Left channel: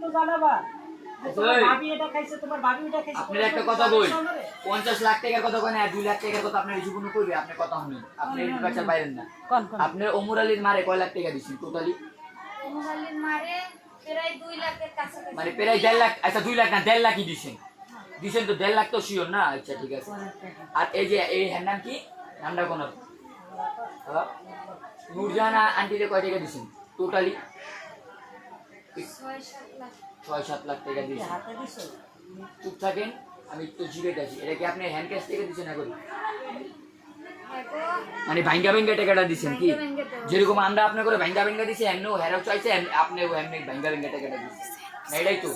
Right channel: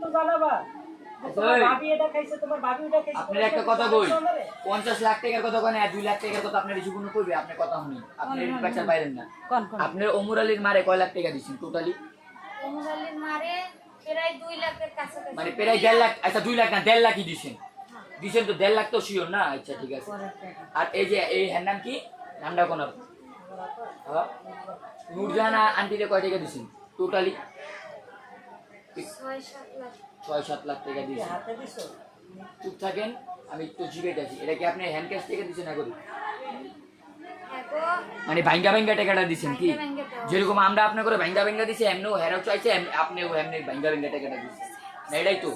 তো জানাবা আপনার একটা কথা বই 50 লাখ টাকার কথা কয় না 2 লাখ টাকার কথা আপনার জীবন কইবে আপনি কথা শুনুন আপনি বাচ্চা বাইরেন না আপনার ওমর আলীর মারে কয় লাখ টাকা দিছেন টোটালি ওমর আলীর মারে প্রায় 2 লাখের কাছাকাছি মানে প্রায় 1.5 লাখ আচ্ছা 2 লাখ না 1.5 লাখই দিছেন দিছেন তো 1.5 লাখ তো শিওর না আচ্ছা ঠিক আছে আর এই যে এই হ্যার নাম কি নামটা কোন নূরজাহান আন্টিলে কয় টাকা দিছেন টোটালি 6-7 লাখ টাকা দিয়েছেন চুপ থাকেন আমি একটু জিজ্ঞেস আছি এটা কি আপনি হ্যান্ড ক্যাশ থেকে দিচ্ছেন না করি মানে ভাঙ্গা ভাঙ্গা টাকাটা দিচ্ছেন কি যেরকম আমরা আপনার করে ভাঙ্গা ভাঙ্গা দিছি এমনিও হেরাও চাইছে আপনিও এমনি ভাঙ্গা ভাঙ্গা টাকাটা দিচ্ছেন না এটাই তো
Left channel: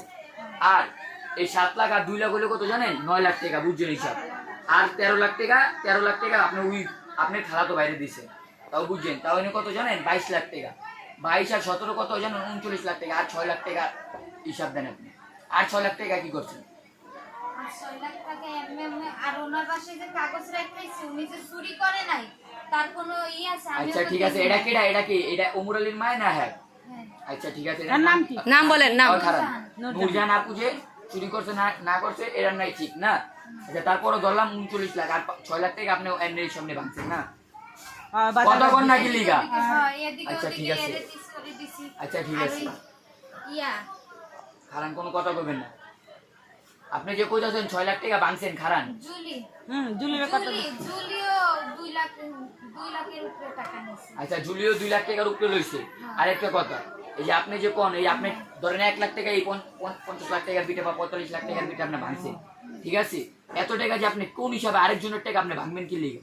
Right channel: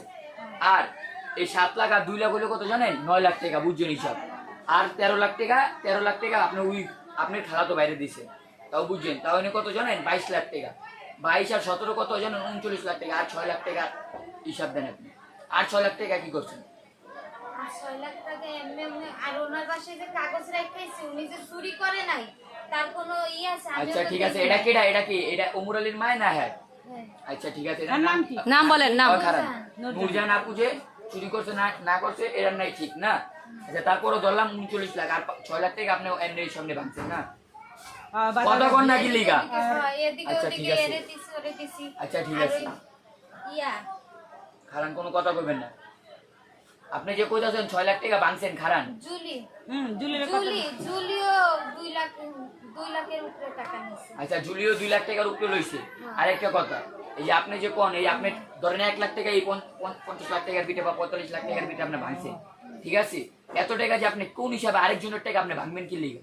আর এই 7 লাখ আর 2 লাখ হলে কত জানেন 9 লাখ টাকা বুঝছেন হিসাব আর 13 লাখ টাকা আপনি ওই আপনার খালা তো বাইরে দিচ্ছেন তাও বুঝছেন তাও এনে কত জানেন 22 লাখ টাকা 22 আর 17 কত জানেন 39 লাখ টাকা আর 6 লাখ টাকা হিসাব দেন আপনি আর 6 লাখ টাকা কি করছেন 6 লাখ টাকা এমনি আর ওনার পাশে যে কাগজ রাখতেছি উনি যে চুরি করে নাই তার কোনো ই আছে আচ্ছা ঠিক আছে এটা কেডা এটা কি এটা ওমর আলীর মায় না হ্যাঁ আচ্ছা ঠিক আছে এর নাম কি নাম বলেন নাম খারাপ নূরজাহান আপু যে চুরি করছে না করছে এর নাই ঠিক না আচ্ছা তারপরও ধরলাম 39 লাখ আর 6 লাখ টাকা আপনি এর সামনে ভাঙছেন না কতক্ষণ নাকি লিগা আচ্ছা ঠিক আছে আচ্ছা ঠিক আছে ইয়া খারান কোনো কথা কইবেন না আপনি যে কইতাছেন 6 লাখ টাকা ভাঙছেন খারান জুলিও 2 লাখের উপরে টাকা নিছে আচ্ছা জুলিও 2 লাখ টাকার উপরে লইছে আরেকটা কথা এই যে আপনি যে কোন এই আপনি ধরেন 1 লাখ টাকা এই 50 লাখ টাকার বিটে বা 45 লাখ টাকার বিটে আপনি ভাঙছেন ঠিক আছে এত টাকা যে আপনি কোন হিসাবে আরেকজনের টাকা আপনি ভাঙবেন কি লিগে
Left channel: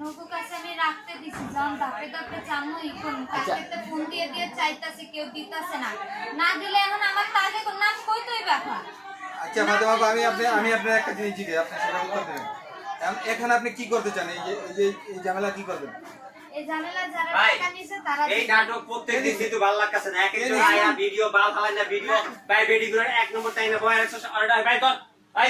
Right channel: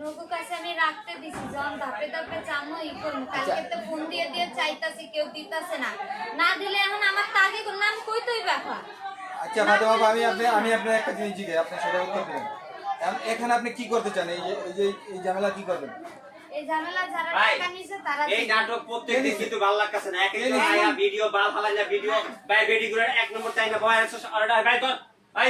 নগো কাছে আমি রাখতে দিছি যখন ধাপে ধাপে জানো ই করুন কালকে তো ফোন দিয়ে চাইতাছি কেউ দিতাছে না না দিলে এখন আমার তাকে কোন নাম কই তুই ব্যাপার আচ্ছা ফাতেমা আমি আপনার একটা জিনিস জিজ্ঞেস আপনি সেটা উত্তর দেবেন এখন আপনি কি করতে চান এই ঝামেলা কি করবেন এই ঝামেলা যারা টাকা নিছে তারা এই নাটক প্রত্যেকদিন কিন্তু ভালো লাগতেছে না একদিন আয়া ভিডিও বাল হালাই না ভিডিও ভাই ভিডিও এক নম্বর টাইমে বয়ার অর্ডার ভাই কর ভাই